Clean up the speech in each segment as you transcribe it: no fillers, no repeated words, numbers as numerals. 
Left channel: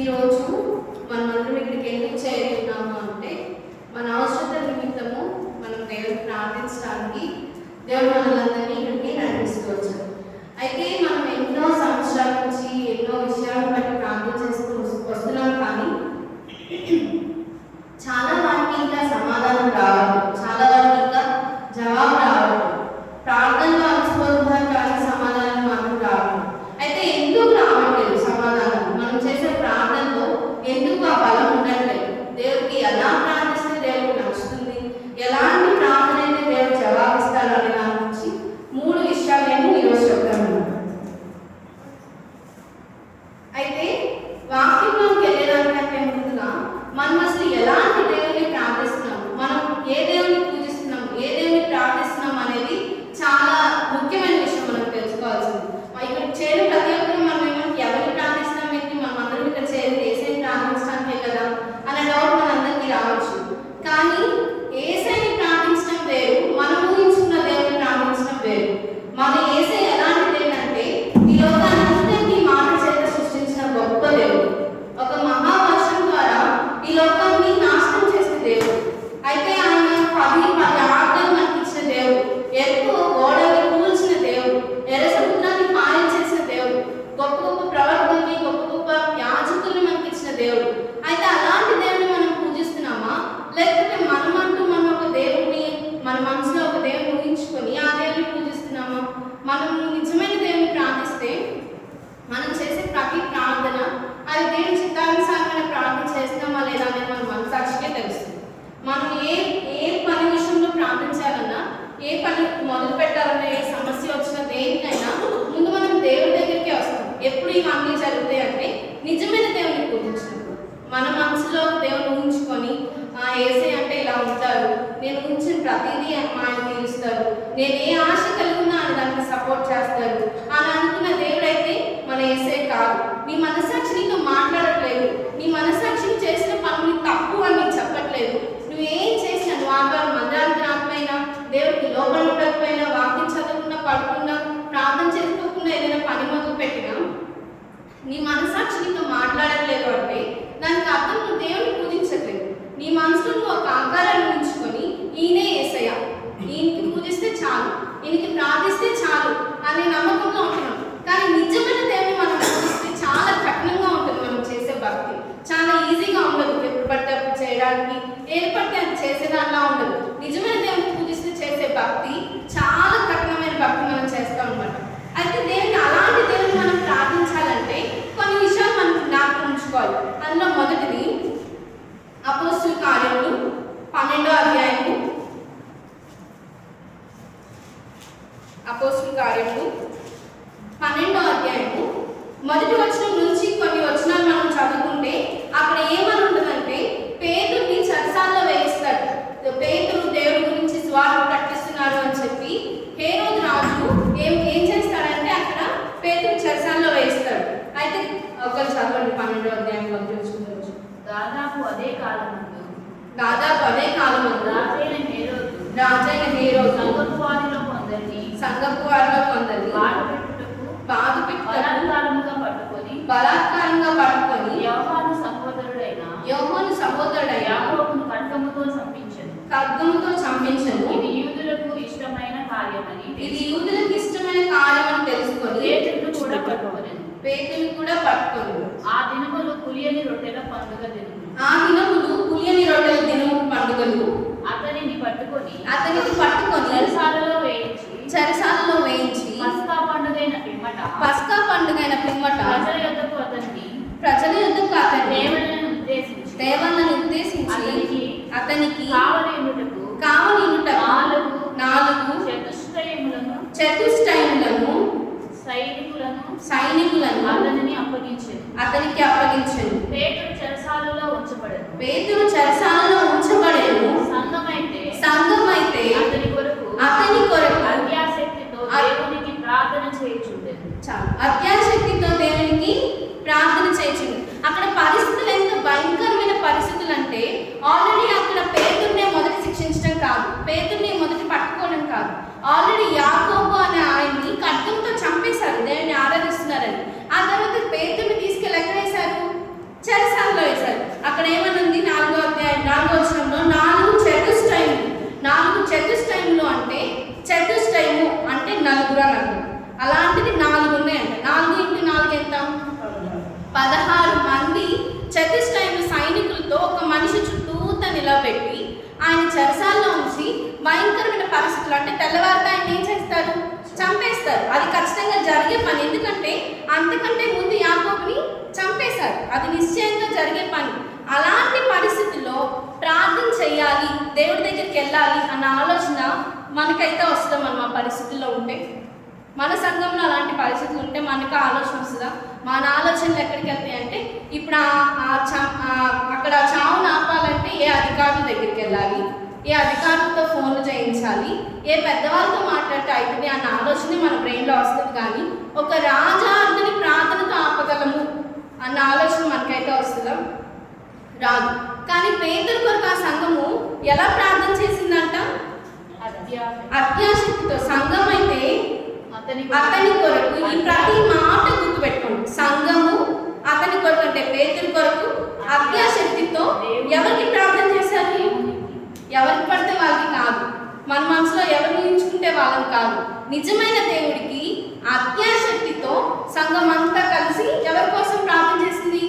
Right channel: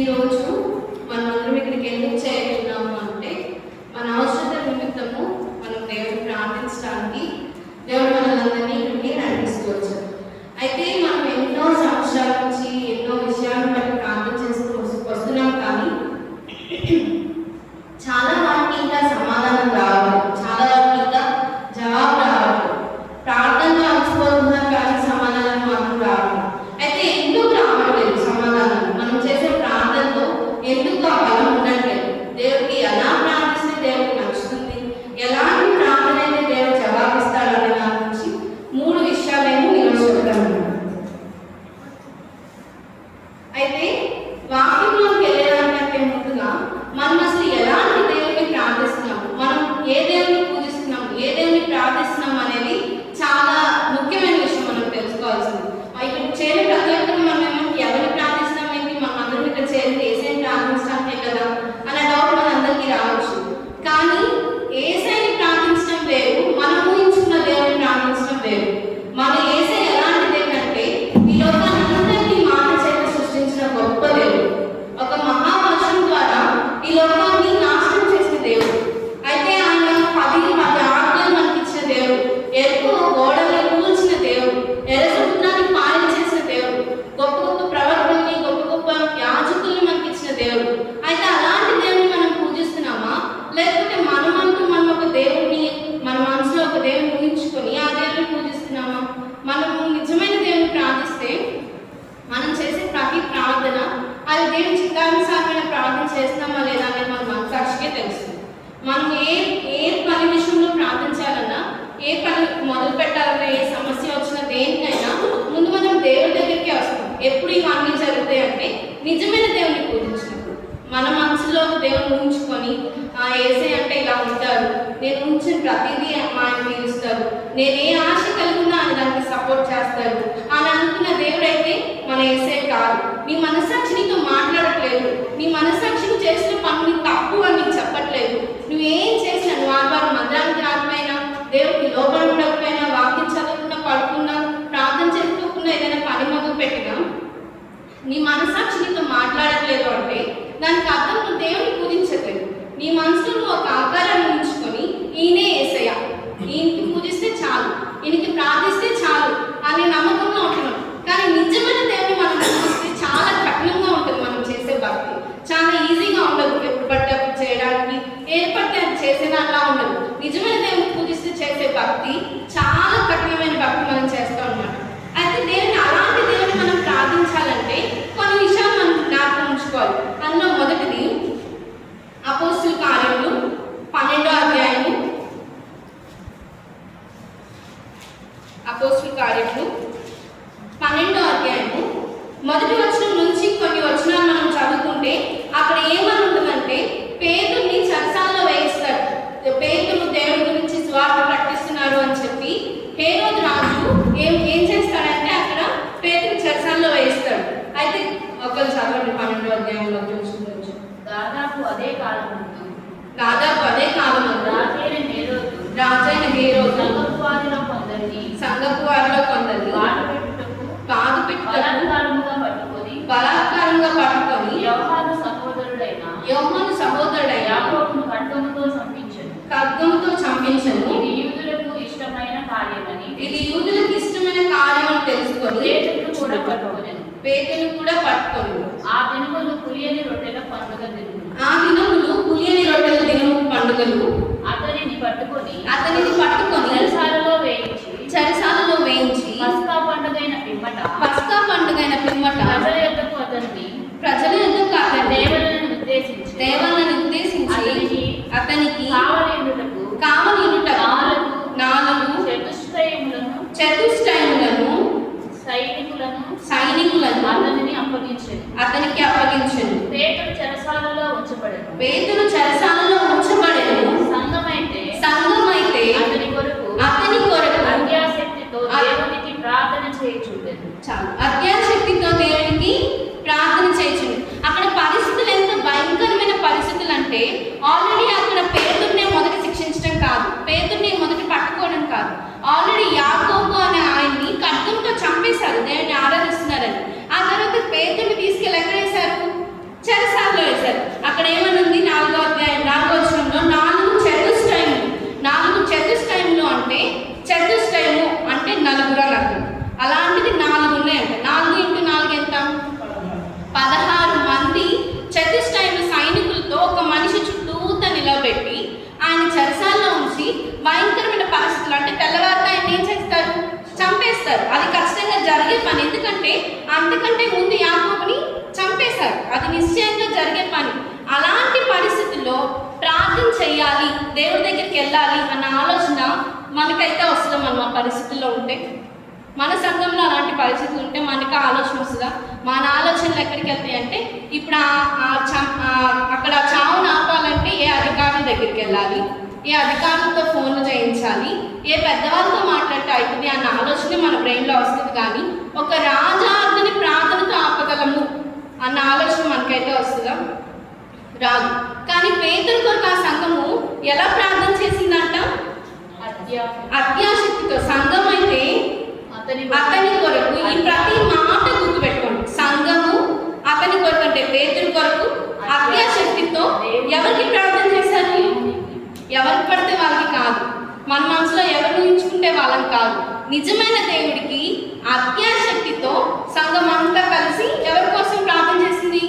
ఈరోజు మనమందరం ఇక్కడికి ఎందుకు చేరున్నాము అంటే మన అవసరత నిమిత్తము మనం దేవుని ప్రార్థించడానికి దేవుడు మనలందరినీ ఇక్కడికి నడిపిస్తూ వచ్చారు. అయితే మనం ఎన్నో సంవత్సరాల నుంచి ఎన్నో విషయాలను బట్టి ప్రార్థన చేస్తూ వస్తున్నాం, కానీ చాలా వాటికి ఇంకా సమాధానం రావాలి, చాలా వాటికి ఇంకా జవాబు రావాలి. ప్రార్థనలో అలసిపోతున్నారు కానీ సమాధానం మాత్రం రావాలి. అయితే ఎందుకు రావట్లేదు సమాధానం? మనం చేసే ప్రార్థనలో ఎందుకు ఆ బలం ఉండట్లేదు? దేవుడికి ఎలా ప్రార్థిస్తే దేవుడికి నచ్చుతుంది, ఎలాంటి ప్రార్థన అయితే దేవుడు జవాబిస్తాడు అనే దాని నుంచి 3 విషయాలను ఈరోజు చెప్తాను. అయితే వాక్యంలోకి వెళ్ళడానికంటే ముందుగా మనం అసలు ఎలాంటి దేవుడిని ప్రార్థిస్తున్నాము, మనం ఏ దేవుని పూజిస్తున్నాము, ఏ దేవుని ప్రార్థిస్తున్నాం అనేది చాలా ముఖ్యమైన విషయం మనం తెలుసుకోవాల్సింది. ఇక్కడ చేరి ప్రతి ఒక్కరు మనం ఎవరిని ప్రార్థిస్తున్నాం ఏంటి, మనం అందరం ఇక్కడ చేరి ఏసైని ప్రార్థించడానికే కదా అనే డౌట్ మనందరికీ రావచ్చు. కానీ ఏసైని ప్రార్థించడం వేరు, మనం ఊహించుకున్న దేవుని ప్రార్థించడం వేరు. మన ఏసై ఎలాంటి దేవుడు అంటే ఈ లోకాన్ని మాట చేత సృష్టించిన గొప్ప దేవుడు. ఒక మహావర్షం ద్వారా ఈ లోకాన్ని నాశనం చేసిన దేవుడు. అయితే ఆయన 10 ఆజ్ఞలు మనకి ఇచ్చిన దేవుడు, ఎరుపు గోడలను కూల్చిన దేవుడు, ఎర్ర సముద్రాన్ని పాలించేసిన దేవుడు, గొప్ప గొప్ప ప్రవక్తల్ని గొప్ప గొప్ప యాజకుల్ని మనకి ఇచ్చిన దేవుడు. అయితే అలాంటి దేవుడిని మనం పూజిస్తున్నామా, లేకపోతే మనమంటూ మనం ఒక దేవుడిని మన మనసులో ఒక దేవుని ఊహించుకొని ఆ దేవుడిని పూజిస్తున్నామా? మనము నిజమైన దేవుని ప్రార్థిస్తే మనం చేసే ప్రతి ప్రార్థన అది దేవుని చిత్తానుసారమైన ప్రార్థన చేస్తున్నామా లేదా అనేది మన మనసాక్షికే తెలుస్తుంది. మనం ఏ పని విషయంలో ప్రార్థించాలన్నా, ఏ పని మొదలు పెట్టాలన్నా, ఏ సమస్య వచ్చినా దేనికైనా ముందు మనం దేవుడి దగ్గరికే వస్తాం. ఎప్పుడు ఇవన్నీ జరుగుతాయి అంటే నిజమైన దేవుని పూజించినప్పుడు. మన మనసులో దేవుని ఊహించుకొని ఏసై అంటే ఇలా ఉంటారు, నేను ఊహించిన ప్రతిదీ ఆయన తీరుస్తారు, నేను ఏ ఆశ కలిగినా ఆయన దానికి సపోర్ట్ చేస్తారు అని అనుకున్న దేవుడు అయితే మన ఏసై కాదు. నీ మనసాక్షి నీతో మాట్లాడట్లేదు, నీ మనసాక్షి చేసిన పని తప్పు అని నీకు చెప్పట్లేదు. నువ్వేం చేసినా, నువ్వు ఆదివారం మందిరానికి రాకపోయినా, దేవుడికి లోపల ఉండకపోయినా, వాక్యం చదువుకున్నా, పడుకున్నా, ప్రార్థన చేసుకోకుండా ఏదైనా పని మొదలు పెట్టినా నీ మనసాక్షి నీతో మాట్లాడట్లేదు అంటే దానికి అర్థం నువ్వు దేవుని పూజించట్లేదు. నీ మనసులో నువ్వు ఒక ఆకారాన్ని ఉంచుకొని ఈయనే యేసయ్య, ఈయనకి పూజిస్తే చాలు, ఈయనకి ప్రార్థిస్తే చాలు అనే నమ్మకంలో ఉంటున్నాం. కానీ నిజమైన దేవుని మనం పూజిస్తే చాలా కఠినంగా ఉంటుంది. మనం చేసే భక్తి చాలా ఈజీగా ఉండదు, ఎప్పుడు పడితే అప్పుడు చేయడానికి, ఏది పడితే అది చేసేదానిలా ఉండదు. నిజమైన దేవుని పూజిస్తే చేసే భక్తి చాలా కఠినమైన భక్తి మనం చేస్తాం అన్నమాట. అయితే దేవుని అలాంటి దేవుని మనం ప్రార్థించాలంటే కొన్ని విషయాలు మనం జ్ఞాపకం ఉంచుకోవాలి. అందులో మొదటిది అపోస్తుల కార్యములు 12వ అధ్యాయము. అపోస్తుల కార్యములు 12వ అధ్యాయము మొదటి వచనం నుంచి కొన్ని వచనాలు మనం చదువుకుంటే అక్కడ ఏమని ఉంటుందంటే, పేతురుని చెరసాలలో వేయిస్తాడు. పేతురు దేవుడి గురించి స్వార్థ ప్రకటిస్తున్నారు అని చెప్పి హేరోదు రాజు ఏం చేస్తాడంటే అక్కడ పేతురు చెరసాలలో వేయిస్తాడు. అయితే ఒకరు చదవండి 12వ అధ్యాయంలో చూసుకోవచ్చు. దాదాపు అదే కాలం రాజైన హేరోదు సంఘపు వారిలో కొందరిని బాధ పెట్టుటకు బలాత్కారంగా పట్టుకొని యోహాను సహోదరుడైన యాకోబును ఖడ్గముతో చంపించెను. ఇది యూదులకు ఇష్టమైన కార్యమని తెలుసుకొని పేతురును కూడా పట్టుకొని ఆ దినములు పులియని రొట్టెల పండుగ దినము పండుగలు అతనిని పట్టుకొని చెరసాలలో వేయించి పస్కా పండుగైన పిమ్మట ప్రజల యొద్దకు అతన్ని దేవాలను ఉద్దేశించి అతనికి కావలియుటకు 4 చతుష్టయములను సైనికులను అతనికి అప్పగించెను. పేతురు చెరసాలలో ఉంచబడెను. సంఘమైతే అతని కొరకు అత్యాశక్తితో దేవునికి ప్రార్థన చేయుచుండు. అక్కడ పరిస్థితులు ఎంత భయంకరమైన పరిస్థితులు అంటే, ఆల్రెడీ అక్కడ పేతురునే మొదటి శిక్షించడం కాదు, పేతురుని మొదటి పట్టుకోవడం కాదు, ఆల్రెడీ యాకోబు అనే ఆయన్ని ఖడ్గంతో చంపేశారు దేవుని ఆరాధిస్తున్నారని. ఆ తర్వాత పేతురుని తీసుకెళ్ళి ఎక్కడేశారు? అది ఖచ్చితంగా జరిగే పని. ఎందుకంటే అంతకంటే ముందు యాకోబుని చంపేశారు, అది నిశ్చయంగా జరిగే పని. అలాంటి పరిస్థితుల్లో ప్రార్థన చేయాలి, దేవుడి దగ్గరికి వెళ్ళాలి అన్న ఆలోచన మనకైతే వస్తుందా? మనం ఆ పరిస్థితుల్లో ఉంటే, మన సంఘంలో అలాంటి పరిస్థితులు ఉంటే మనకి ఆలోచన వస్తుందా? మన ఆలోచనలు ఎక్కడికి వెళ్తాయి అంటే, ఇప్పుడు అక్కడ చావును ఆపాలంటే ఏ అధికారుల దగ్గరికి వెళ్ళాలి, ఏ అధికారులతో ఫోన్లు చేయించాలి, ఏ పెద్దవాళ్ళతో మాట్లాడితే అవుతుంది అన్న ఆలోచన మన బ్రెయిన్లో వస్తుంది. కానీ ఒక రాజాజ్ఞని ప్రార్థనతో ఆపగలము అన్న ఆలోచన మనకైతే వస్తుందా? రాదు. కానీ పేతురు కొరకు ఆ సంఘము ఎలా ప్రార్థన చేసిందంట? అత్యాశక్తితో. సంఘం అయితే అతని కొరకు, ఈ ప్రతి మాట గుర్తుపెట్టుకోండి, సంఘము అతని కొరకు అంటే పేతురు కొరకు అత్యాశక్తితో ఎవరికి ప్రార్థన చేశారు? ఎవరికి పడితే వాళ్ళకి కాదు, మన మనసులో ఎవరిని ఉంచుకుంటే వాళ్ళని కాదు, నిజమైన దేవుడికి అత్యాశక్తితో సంఘం అంతా కలిసి ఎవరి కోసం ప్రార్థన చేసింది?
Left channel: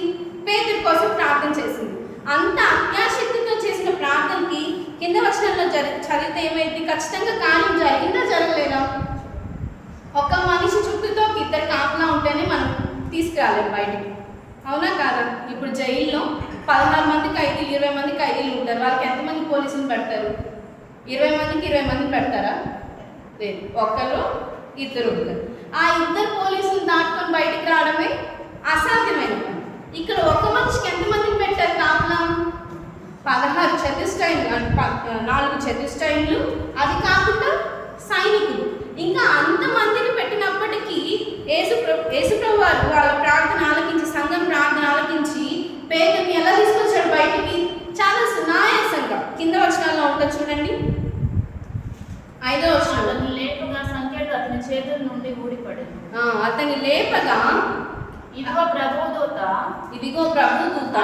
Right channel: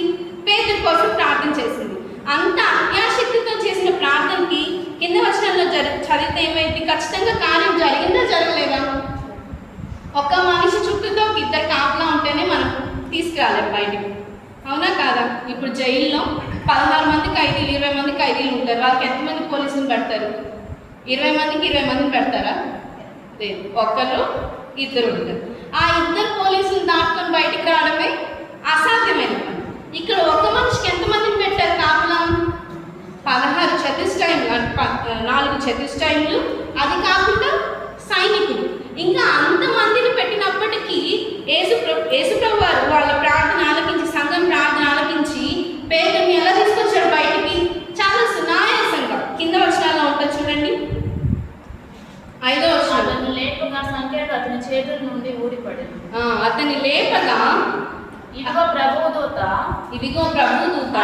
పేతురు కోసం ప్రార్థన చేసింది. అంత అత్యాశక్తితో చేసిన ప్రార్థనకి కింద వచనంలో చదివితే ఏమైంది? ఖచ్చితంగా కార్యం జరిగిందా జరగలేదా? ఒక్క మనిషి చుట్టూతో ఇద్దరు కాపలా ఉంటేనే మనం తీసుకురాలేం బయటికి, అవునా కాదా? ఇప్పుడు జైల్లో 16 మంది ఖైదీలు, 20 మంది ఖైదీలు ఉంటారు. వాళ్ళకి ఎంతమంది పోలీసులు పెడతారు? 20 మందికి 20 మందిని పెడతారా? లేదు, ఒకరు ఇద్దరు ఉంటారు. ఆ ఇద్దరు పోలీసులు దాటుకొని బయటికి రావడమే అసాధ్యమైన పని. ఇక్కడ ఒక్క మనిషికి ఎంతమందిని పెట్టారు కాపలా? 16 చతుష్టైములు, 4 చతుష్టైములు, అది కాకుండా సైనికులు. ఇంకా అంతమందిని పెట్టినప్పటికీ యేసుప్రభు వారు వాళ్ళ ప్రార్థన ఆలకించి, సంఘం ప్రార్థన ఆలకించి పేతురుని ఎలా తీసుకొచ్చాడు బయటికి? చాలా సునాయాసంగా. కింద వచనాల్లో ఉంటుంది చూడండి, 5వ వచనం. లేపగా సంఖ్యకు అతని చేతుల నుండి ఊడిపడింది. అతని లేపగా ఇదిగో ప్రభుదూత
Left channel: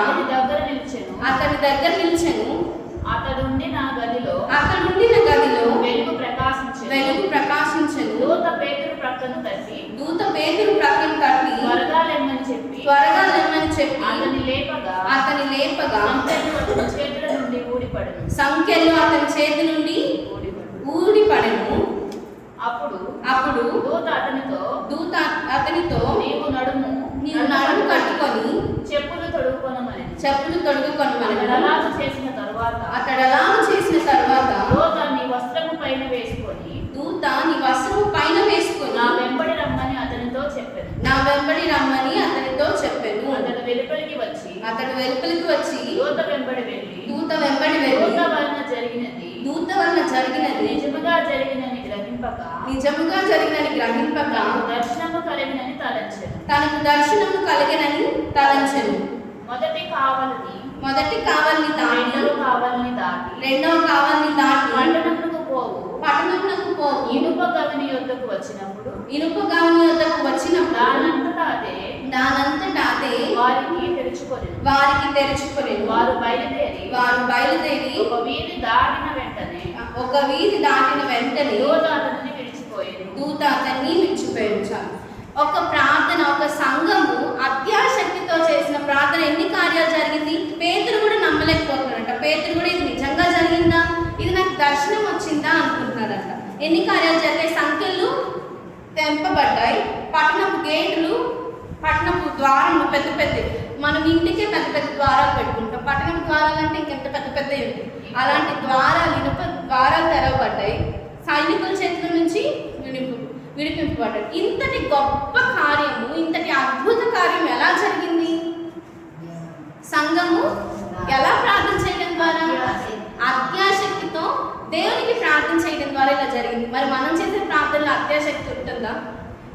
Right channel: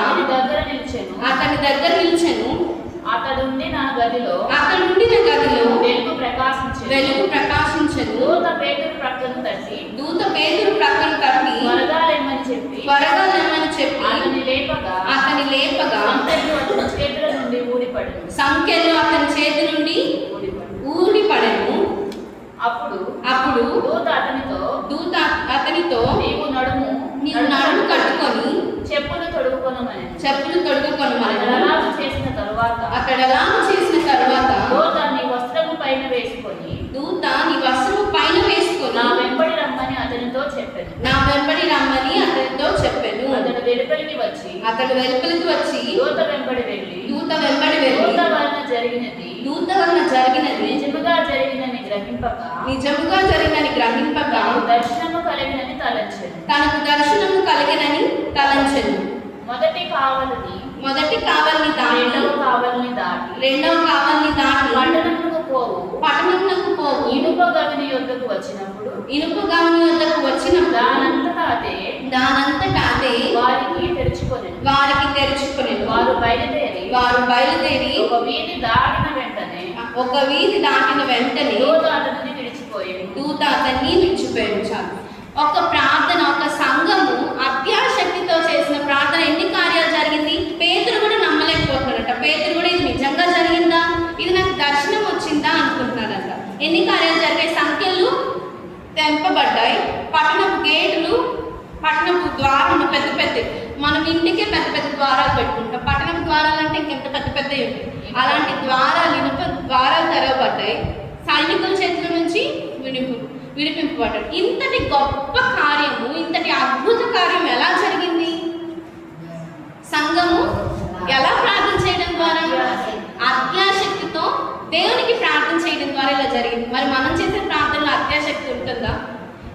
అతని దగ్గర నిలిచెను. అతడుండిన గదిలో వెలుగు ప్రకాశించెను. దూత పేతురు ప్రక్కను తట్టి త్వరగా లెమ్మని చెప్పి అతని లేపగా సంఖ్యలు అతని చేతి నుండి ఊడిపడెను. అప్పుడు దూత అతనితో నీవు నడుము కట్టుకొని చెప్పులు తొడుగుకొనమని అతడు అలాగ చేసిన తరువాత దూత నీ వస్త్రము పైన వేసుకొని నా వెంబడి రమ్మని అతనితో చెప్పెను. అతడు వెలుపలికి వచ్చి దూత వెంబడి వెళ్ళి దూత వలన జరిగినది నిజముగా జరిగినని గ్రహింపక తనకు దర్శనము కలిగినని తలంచెను. మొదటి కావలిని దాటి రెండవ కావలిని దాటి పట్టణమునకు పోవు ఇనుప గవిని యొద్దకు వచ్చినప్పుడు దానంతటా అదే వారికి తెరుచుకొనెను. వారు బయలుదేరి ఒక వీధి దాటిన వెంటనే దూత అతన్ని విడిచిపోయాడు. చాలు. ఒక ప్రార్థన, ఒక సంఘము అత్యాశక్తితో చేసిన ప్రార్థన ఎన్ని కార్యాలు జరిగింది? పేతురు కూడా నమ్మలేకపోతున్నాడంట. పేతురు కూడా ఇది నిజంగా జరిగిందా, ఇది నాకు దర్శనం వచ్చిందా అనుకుంటున్నాడంట. ఎన్ని కార్యాలు జరిగాయి? సంఖ్యలు తెంపబడ్డాయి, పట్టణపు గేట్లు, పట్టణపు ద్వారాలు పెద్ద పెద్ద, మనం ఇంటికే పెద్ద పెద్ద ద్వారాలు పెట్టుకుంటాం. పట్టణపు ద్వారాలు అంటే ఇంకెంత పెద్ద పెద్దవి ఉంటాయి. అలాంటి ద్వారాలు, ఇనుప ద్వారాలు తెరవబడ్డాయి. సైనికుల చేతుల నుంచి విడిపింపబడ్డాడు. ఇంతటి గొప్ప కార్యము, ఇంతటి అద్భుత కార్యం ఎలా జరిగింది? సంఘము ఎలా ప్రార్థన చేయడం ద్వారా? అత్యాశక్తితో దేవునికి ప్రార్థన చేయడం ద్వారా ఇలా జరిగింది. మరి మనం చేసే ప్రార్థనలో అత్యాశక్తి ఉంటుందా?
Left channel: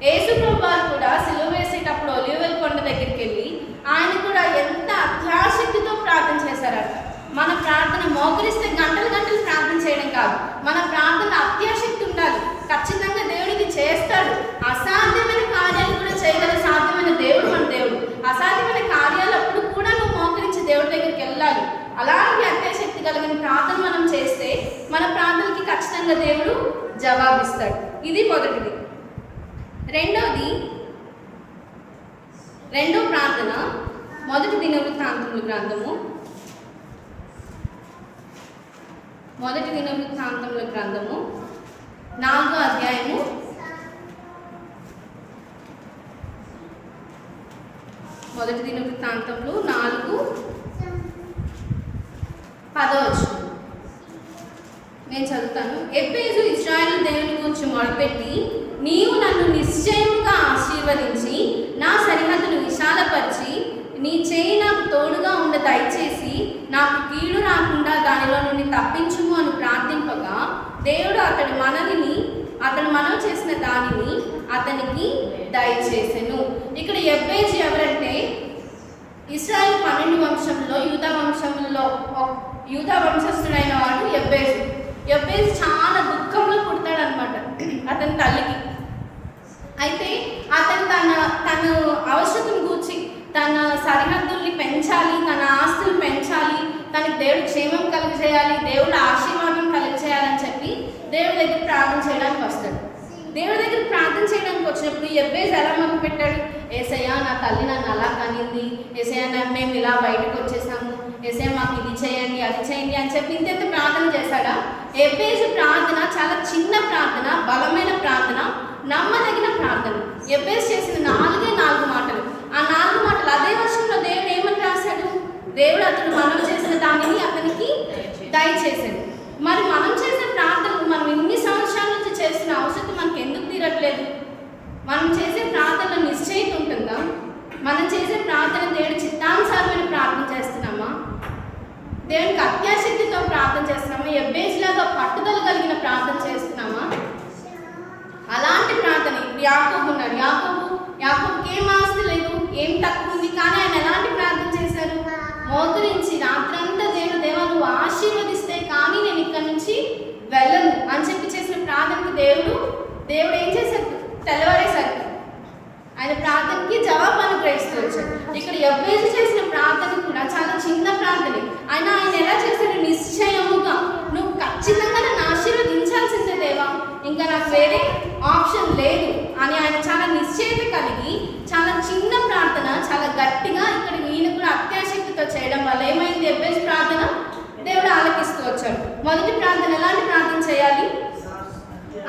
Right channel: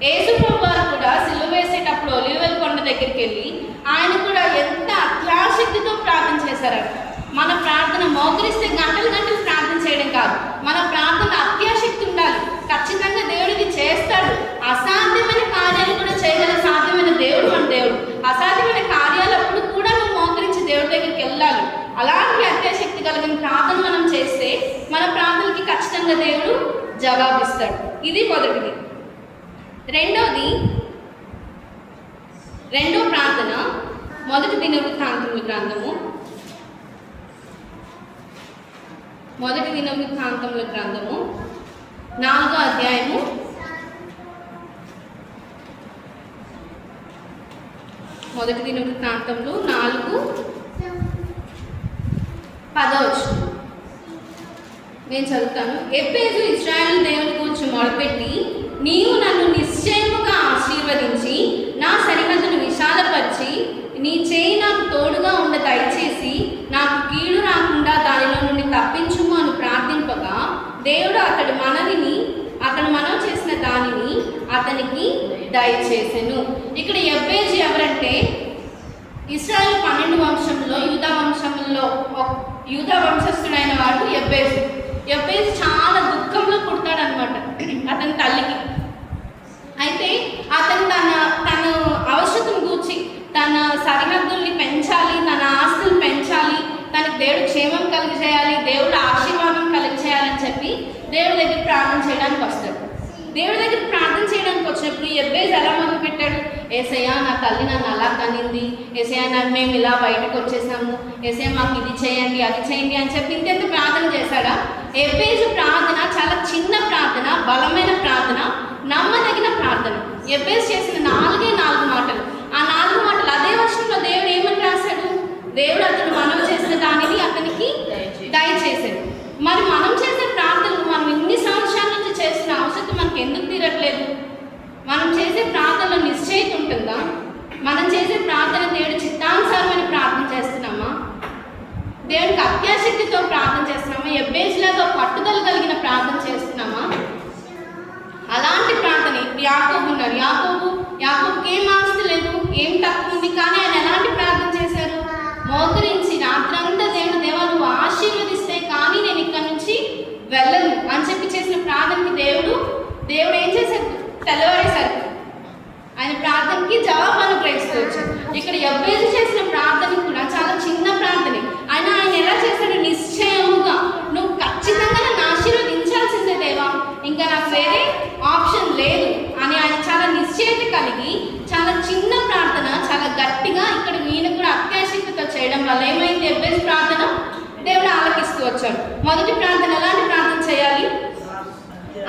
యేసుప్రభు వారు కూడా సిలువ వేసేటప్పుడు ఒలీవల కొండ దగ్గరికి వెళ్ళి ఆయన కూడా ఎంత అత్యాశక్తితో ప్రార్థన చేశారంట. మన ప్రార్థన మోకరిస్తే గంటలు గంటలు ప్రార్థన చేయడం కాదు, మన ప్రార్థన అత్యాశక్తి ఉండాలి. ఖచ్చితంగా దేవుడికి చేస్తాడు. అసాధ్యమైన కార్యాలు కూడా చేయగల సాధ్యమైన దేవుడు మన దేవుడు. అసాధ్యమైన కార్యాలప్పుడు కూడా నువ్వు మోకరించి దేవుడి దగ్గరికి వెళ్ళాలి. అలాంటి అత్యాశక్తి కలిగిన ప్రార్థన మనం చేస్తే మన ప్రార్థనకి ఖచ్చితంగా దేవుడు జవాబిస్తాడు. ఇది మొదటిది. రెండో ప్రార్థన మొదటి దినవృత్తాంతముల గ్రంథము 4వ అధ్యాయము మొదటి దినవృత్తాంతములు 4:10. నేను చదువుతాను. ఎబ్బేజు ఇశ్రాయేలు దేవుని గురించి మొదలుపెట్టి, నీవు నన్ను నిశ్చయముగా ఆశీర్వదించి నా సరిహద్దును విశాలపరిచి నీ చేయి నాకు తోడుగా ఉండ దయచేసి నాకు కీడు రాకుండా దానిలో నుండి తప్పించుము అని ప్రార్థింపగా దేవుడు అతడు మనవి చేసిన దానిని అతనికి దయచేసెను. ఇక్కడ ఎబ్బేజు ఎవరంటే ఇశ్రాయేలు 12 వంశంలో యూదా వంశస్థుడైన వాడు ఎబ్బేజు. ఎబ్బేజు చాలా దుఃఖంలో పుడతాడనమాట అతని తల్లికి. అయితే అతను తన అవసరతను గూర్చి తన సరిహద్దుల్ని పెంచాలి, తన ఆస్తులు పెంచాలి, తనకి దేవుడు క్షేమం కలుగజేయాలి, దేవుడు ఆశీర్వాదం కలుగజేయాలని చెప్పి దేవుడి దగ్గర ప్రార్థన చేయడానికి వస్తాడు. దేవుడి దగ్గర ప్రార్థన చేయడానికి వచ్చినప్పుడు ఎబ్బేజు ఎలా మొదలు పెట్టాడు? ఏసయ్య, నా తల్లి నన్ను అలా కనింది, ఏసయ్య మేము ఇలా బయటకు వచ్చేసాము, ఏసయ్య మాకు ఇది చేయండి అది చేయండి అని చెప్పి ఇంత ప్రార్థన చేశాడా? ఎబ్బేజు ప్రార్థన చాలా చిన్న ప్రార్థన, బలమైన ప్రార్థన, నమ్మదగిన ప్రార్థన. ఎబ్బేజు చేసిన 4 మాటలు. ఆ 4 మాటలు అదే వర్షంలో దేవుడు ఏమని రాశాడు? దేవుడు అతను మనం చేసిన దానిని అతనికి దయచేసాడు. మరి మనం చేసే ప్రార్థనలు మనం ఇన్ని సంవత్సరాల నుంచి చేసిన అవసరం మనకి ఎందుకు తీరట్లేదు? మనం చేసే ప్రార్థనలో నిశ్చయిత ఉంటుందా? మనం చేసే ప్రార్థన దేవుడి చిత్తానుసారమైన ప్రార్థన చేస్తున్నామా? దేవునికి అత్యాశక్తితో ప్రార్థన చేస్తున్నామా? ఎబ్బేజులాగా పట్టుదల కలిగిన ప్రార్థన చేస్తున్నామా? అలాంటి ప్రార్థన యాకోబు ఉన్నాడు. యాకోబుకి ఏం ఆస్తి లేదు, ఏం తక్కువ ఉంది, కానీ ఆయన ఎలాంటి ప్రార్థన చేశారు? మోకరించి రాత్రంతా దేవా నువ్వు ఆశీర్వదిస్తే కానీ నేను ఇక్కడ నుంచి వెళ్ళను అని చెప్పి చేసిన ప్రార్థనకి దేవుడు ఏం చేశారు? తెల్లవారేసరికి ఆయన ప్రార్థనకి జవాబు అనుగ్రహిస్తూ వచ్చాడు. ఇక్కడ ఎబ్బేజు చేసిన ప్రార్థన కూడా చాలా చిన్న ప్రార్థనే. ఆయన ఎలా చేశాడు? నిశ్చయముగా నువ్వు ఖచ్చితంగా నన్ను ఆశీర్వదించాల్సిందే దేవా, ఇంకా నాకు వేరే ఆప్షన్ లేదు అని ఆయన చాలా నిశ్చయత కలిగి చాలా చిన్న ప్రార్థన చాలా గట్టిగా ఇక్కడ ఈయన కూడా అత్యాశక్తితో చేయడం వల్ల ఏమైంది? ఎబ్బేజు ప్రార్థన దేవుడు ఆలకిస్తూ వచ్చాడు. మొదటి ప్రార్థన ఎలాంటి ప్రార్థన చేయాలి?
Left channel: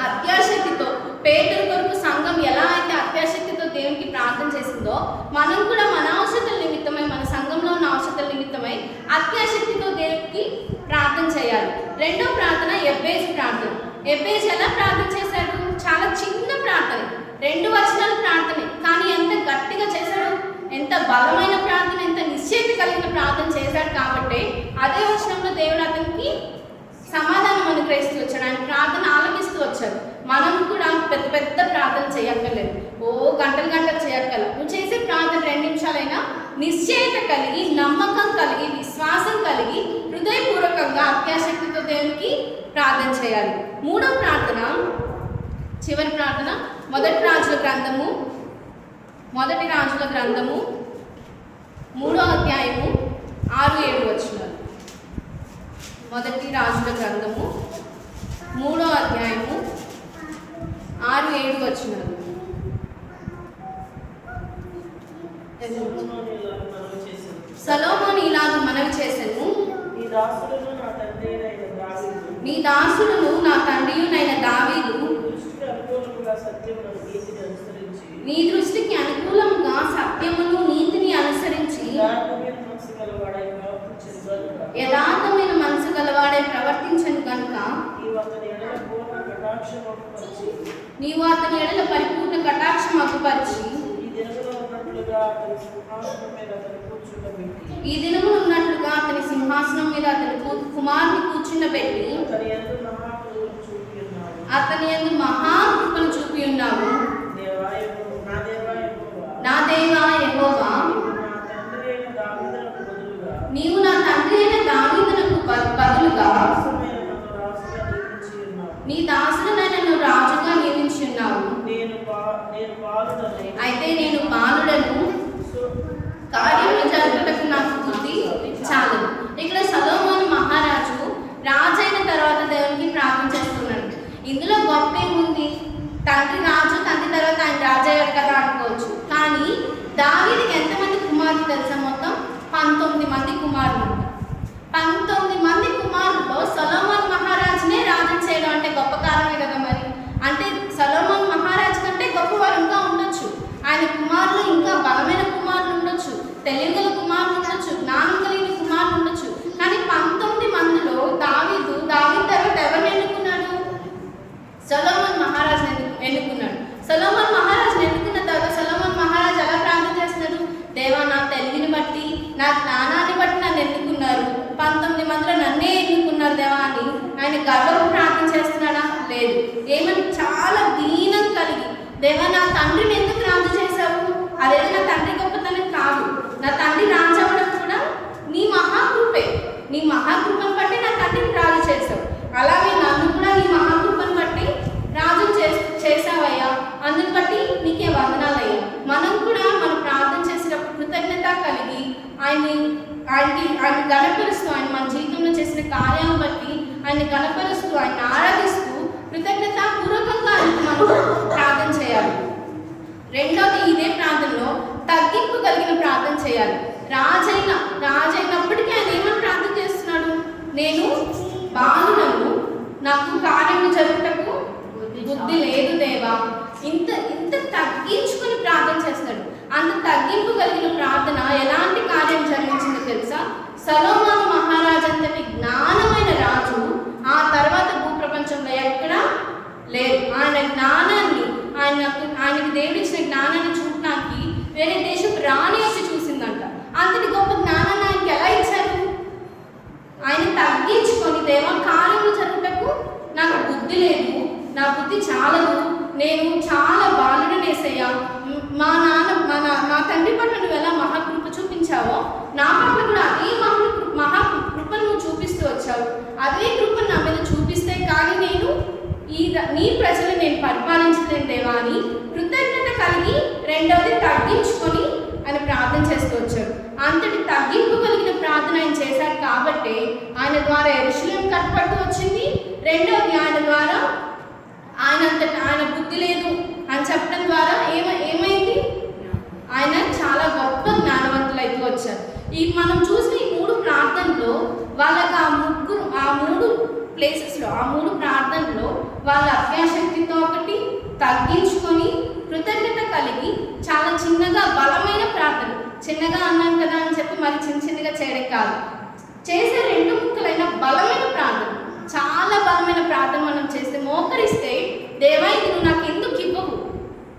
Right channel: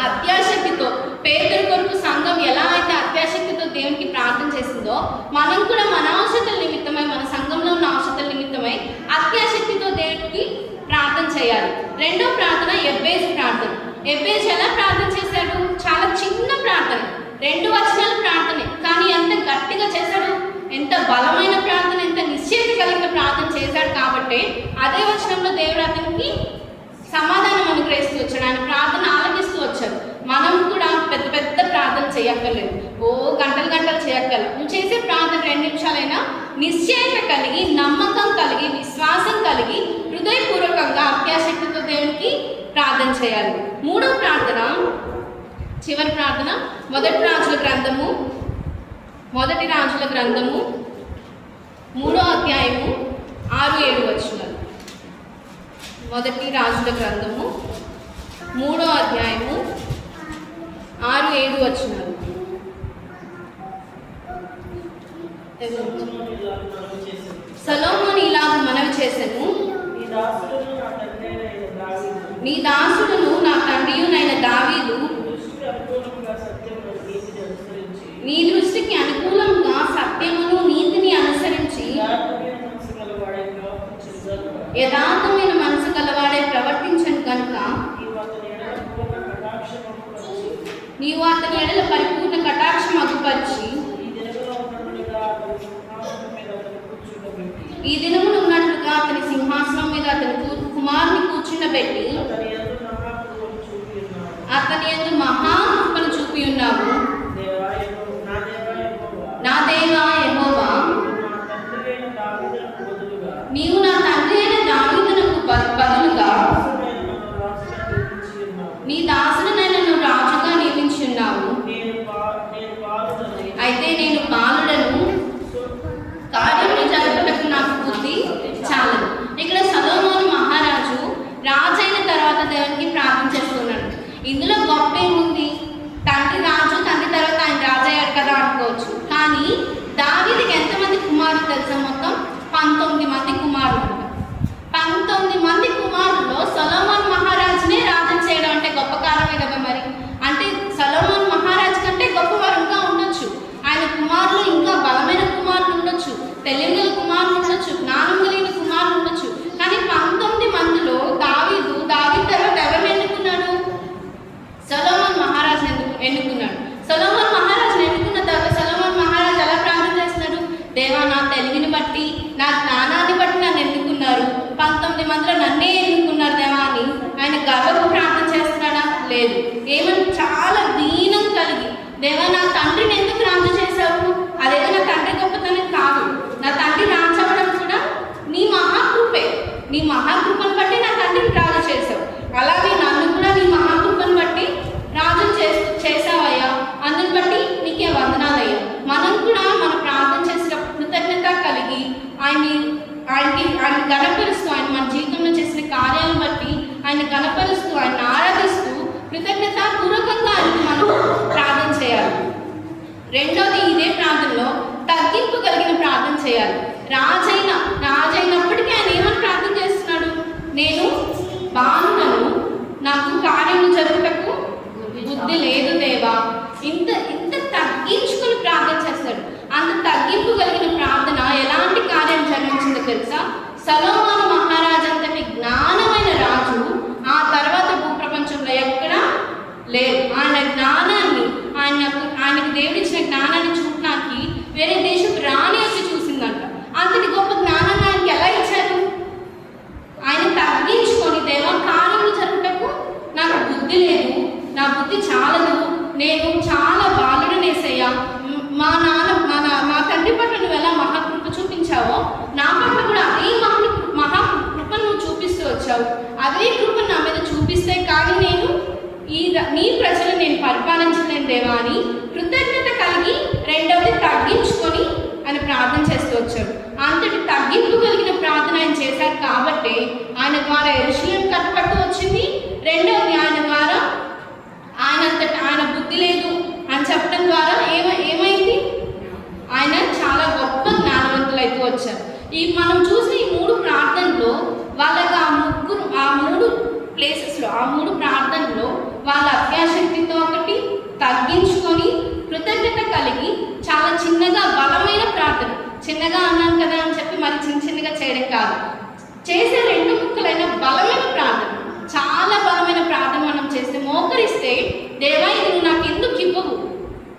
అత్యాశక్తితో. పేదల కొరకు సంఘం ఎలా అయితే అత్యాశక్తితో దేవునికి ప్రార్థన చేసిందో మనం కూడా మన అవసరతల నిమిత్తమై, మన సంఘంలో ఉన్న అవసరతల నిమిత్తమై అత్యాశక్తితో దేవునికి ప్రార్థన చేయాలి. రెండో ప్రార్థన ఎబ్బేజు ప్రార్థన. ఎబ్బేజు ఎలా ప్రార్థన చేశాడు? చాలా చిన్న ప్రార్థన, 2 వచనాల ప్రార్థనే, కానీ ఎంత గట్టిగా చేశాడు, ఎంత బలమైన ప్రార్థన, ఎంత నిశ్చయిత కలిగిన ప్రార్థన చేశాడు. కాబట్టి అదే వచనంలో దేవుడు అతనికి సమాధానం అనుగ్రహిస్తూ వచ్చాడు, ఆయన ప్రార్థన ఆలకిస్తూ వచ్చాడు. మనం కూడా పెద్ద పెద్ద ప్రార్థన చేయక్కర్లేదు, గంటలు చేయక్కర్లేదు. నువ్వు చేసే ప్రార్థన 2 నిమిషాలైనా నిశ్చయత కలిగి, నమ్మకం కలిగి, విశ్వాసం కలిగి, హృదయపూర్వకంగా అత్యాశక్తితో దేవునికి ప్రార్థన చేయాలి. మూడో ప్రార్థన, చివరి ప్రార్థన, మొదటి రాజుల గ్రంథము 3వ అధ్యాయము 6-7 వచనాలు. మొదటి రాజుల గ్రంథము 3వ అధ్యాయము 6-7 వచనాలు. సొలొమోను ఇలాగ మనవి చేసెను, నీ దాసుడును నా తండ్రియునైన దావీదు నీ దృష్టికి అనుకూలంగా సత్యమును నీతిని అనుసరించి యథార్థమైన మనసు గలవాడే ప్రవర్తించను కనుక నీవు అతని ఎడల పరిపూర్ణ కటాక్షం అగుపరిచి ఈ దినమున ఉన్నట్లుగా అతని సింహాసనం మీద అతని కుమారుని కూర్చుండబెట్టి అతని యందు మహాకృపను చూపి ఉన్నావు. నా దేవా యెహోవా, నీవు నా తండ్రి అయిన దావీదునకు బదులుగా నీ దాసుడనైన నన్ను రాజుగా నియమించి ఉన్నావు. అయితే నేను బాలుడను, కార్యములు జరుపుటకు నాకు బుద్ధి చాలదు. ఇక్కడ సొలొమోను మహారాజు రాజైన తర్వాత దేవునికి ప్రార్థన చేస్తున్నాడు. ఇందులో గొప్ప ఏముంది? తండ్రి రాజు, తండ్రి తర్వాత ఆయన రాజు అయ్యాడు కదా అనుకోవచ్చు. కానీ దావీదుకి ఎంతమంది కుమారులు తెలుసా? మొత్తం 19 మంది కుమారులు. 19 మంది కుమారుల్లో సొలొమోను మహారాజునే రాజు చేయడం అంటే గొప్ప కారణమే కదా. మరి అంటే సొలొమోను మహారాజు కంటే గొప్పవారు ఇంకా ఉండొచ్చు, ఆయన కుమారులు ఇంకా బలమైన కుమారులు ఉండొచ్చు. దేవా నా తెలివిని బట్టి నా జ్ఞానాన్ని బట్టి నన్ను ఎన్నుకున్నారు, 19 మందిలో నన్నే ఎన్నుకున్నారు దేవా అని ఆయన గర్వపు ప్రార్థన చేస్తున్నాడా? లేదు. ఏమని చాలా దీనం కలిగి, దేవా నా తండ్రిని ఎందుకు రాజు చేశావు? అదేదో నా తండ్రి గొప్పతనం కాదు, నా తండ్రి రాజు అవ్వడం కూడా నీ మహాకృపే, నీ మహాకృపను బట్టి నా తండ్రిని రాజు చేశావు, అలాగే నన్ను కూడా నీ మహాకృపను బట్టి రాజు చేసావయ్యా, అందుని బట్టి నీకే వందనాలయ్యా. మనం కూడా మనం ప్రార్థన చేసేటప్పుడు కృతజ్ఞత కలిగి ఆయన గణపరుస్తూ, ఆయన మన జీవితంలో చేసిన కార్యాలను బట్టి ఆయన గణపరుస్తూ, ఆయన ఆరాధిస్తూ కృతజ్ఞత పూర్వకంగా ఆయనకి మనం ప్రార్థన చేయాలి. రెండోది, ఇదే ప్రార్థనలో తగ్గింపు కలిగిన ప్రార్థన చేయాలి. రాజైనప్పటికీ ఆయన ఏమని ప్రార్థన చేస్తున్నాడు? నేను బాలుడను, నాకు కార్యము జరుగుటకు బుద్ధి లేదు దేవా. ఇంత తగ్గించుకుని ప్రార్థన చేస్తాడు. అంత తగ్గింపు కలిగిన ప్రార్థన ఎలాంటి కార్యం జరిగించిందో తెలుసా? సొలొమోను మహారాజు అంతటి జ్ఞానమైన రాజు ఆ తర్వాత భూప్రపంచంలో ఎక్కడా లేదు. ఆయన జ్ఞానాన్ని, ఆయనకి దేవుడిచ్చిన జ్ఞానాన్ని చూడటానికి వేరే దేశపు రాణి వచ్చి చూసిందంట. అంతటి గొప్ప జ్ఞానాన్ని ఆయనకి ఎలా ఇచ్చారు? ఆయన తగ్గించుకొని, దేవా కార్యములు జరుగుటకు నాకు బుద్ధి లేదు, నా బుద్ధి చాలదు, నేను చాలా బాలుడనేసయ్యా, మా తండ్రి పట్ల నువ్వు ఎలా మహాకృప చూపించావో నా పట్ల కూడా అదే మహాకృపను నువ్వు చూపిస్తూ వచ్చావు. అదే కృప నా మీద చూపిస్తే కానీ నేను నీ ప్రజలు నేను పరిపాలించలేను దేవా అని కృతజ్ఞత కలిగి రెండవది తగ్గించుకొని ఆయన ప్రార్థన చేస్తూ వచ్చాడు. అంతటి తగ్గింపు కలిగిన ప్రార్థన ఆయన చేశాడు కాబట్టి ఆయన ద్వారా యెరూషలేము కట్టపట్టు వచ్చింది. రెండవది ఆయన ద్వారా ఆయన బుద్ధి లేదు అని చెప్పడం ద్వారా ఏమైంది? ఆయన చాలా గొప్ప జ్ఞానవంతులు అయితే వచ్చారు. మనం చూసిన ఈ 3 ప్రార్థనలో వాళ్ళకి ఆ మూడు ప్లేసెస్లో, ఆ 3 ప్రార్థనలో వాళ్ళ అభ్యాశక్తితో ఒకటి తగ్గించుకొని కృతజ్ఞత కలిగి చాలా చిన్నగా బలమైన ప్రార్థన, చిన్నగా అన్నాను కదా అని చెప్పి మరి చిన్నగా చేయడం కాదు, చేసే 2 ముక్కలైన బలమైన ప్రార్థన, చాలా బలమైన ప్రార్థన మనం చేస్తే, మోకరిస్తే దేవా ఇది నువ్వు నాకు ఎందుకు ఇవ్వవు,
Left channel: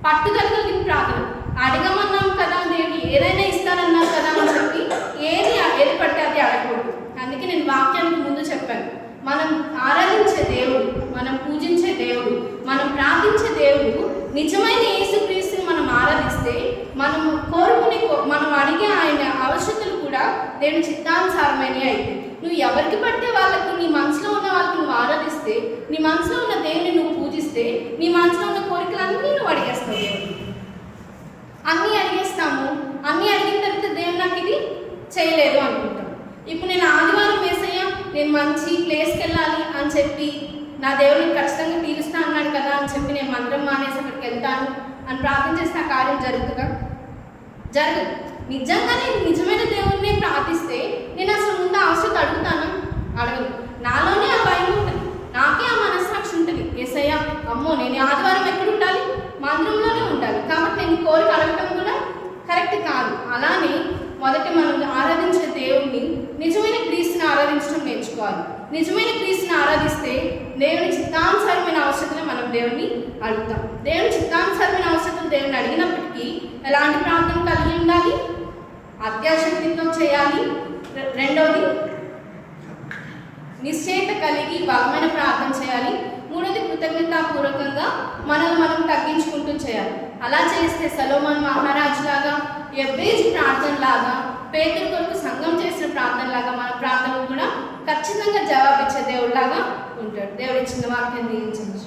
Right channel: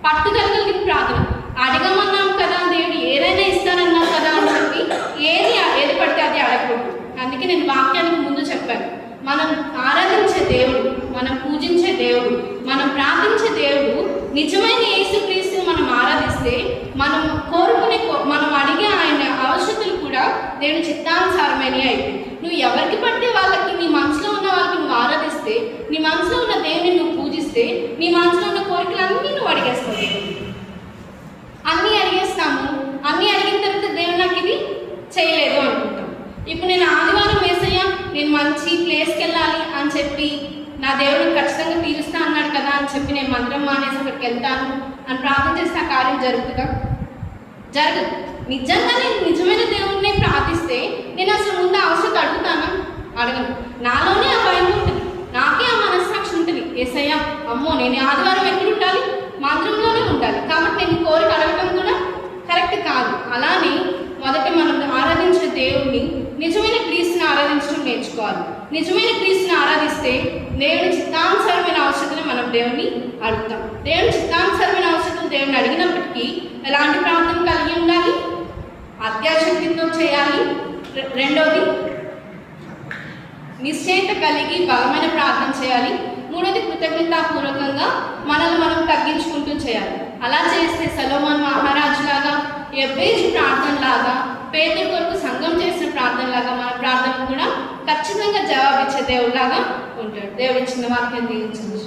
పట్టుదలగలిగిన ప్రార్థన. అడగమన్నాం కదా దేవుడు, ఏదైనా ఇస్తానన్నాం కదా అని చెప్పి ఏది పడితే అది అడగకూడదు. అందుకే నేను వాక్యానికి ముందు చెప్పాను, మనం ఆరాధించే దేవుడు, మనం పూజించే దేవుడు, మనం ప్రార్థించే దేవుడు నిజమైన యేసుక్రీస్తుని మనం ఆరాధిస్తే మనం మనం అడిగే ఆయన అవసరతలు కూడా దేవుని చిత్తానుసారమైనవి అయితే, నువ్వు ఎవరికి పడితే వాళ్ళకి, నీ మనసులో ఉన్న వాళ్ళకి నువ్వు ఆరాధిస్తే, నీ మనసులో ఉన్న దేవుని నువ్వు పూజిస్తే, నీ మనసులో ఉన్న కోరికలన్నీ నువ్వు అడిగేస్తావు. దేవుడు అన్నీ అడిగేస్తాము, అన్నీ అడిగిన తర్వాత దేవుడు నాకు ఇది చేయలేదు అనుకుంటాం. ఇప్పుడు నేను ఆదివారం యేసయ్య నేను మంచి ప్లేస్కి వెళ్ళాలి అని చెప్పి నా దేవుడికి ఖచ్చితంగా తీరుస్తా అన్నాడు కదా అని చెప్పి నేను మందిరం మానేసి అక్కడికి వెళ్తాను అని ప్రార్థన చేస్తే ఆ కార్యం జరుగుతుందా? జరగదు. నిజంగానే నిజమైన దేవుడిని ప్రార్థిస్తే నేను అసలు ముందు అవసరం అడుగుతానా? అడగను. నాలోనే ఆ భయం ఉంటుంది, నాకే ఆ మనస్సాక్షి ఉంటుంది, యేసయ్య అమ్మో నేను ఆదివారం ఎక్కడ ఉండాలి? మందిరంలోనే ఉండాలి, కాబట్టి నేను కోరిక అడగడం కూడా కరెక్ట్ కాదు. అలానే మొదట మనం ఆరాధించే దేవుడిని, నిజమైన క్రీస్తుని ఆరాధించడం నేర్చుకోవాలి. నిజమైన క్రీస్తుని ఆరాధిస్తే దేవుని చిత్తానుసారమైన అవసరతలు మనం దేవుని అడుగుతాం. దేవుని చిత్తానుసారమైన అవసరతలు దేవుని అడిగినప్పటికీ ఎలాంటి ప్రార్థన కలిగి ఉండాలి? అత్యాశక్తితో చేయాలి. రెండవది నిశ్చయత కలిగి బలమైన ప్రార్థన చేయాలి. మూడవది కృతజ్ఞతాపూర్వకంగా మనల్ని మనం తగ్గించుకుంటూ చేయాలి. అలా చేస్తే సొలొమోను మహారాజు లాగా, యెబ్బేజు ప్రార్థన లాగా, పేతురు కొరకు సంఘం చేసిన ప్రార్థన లాగా మన ప్రార్థన కూడా ఖచ్చితంగా జవాబిచ్చే దేవుడిలాగా ఉంటాడు. దేవుడి చిన్న వాక్యం దీవించండి.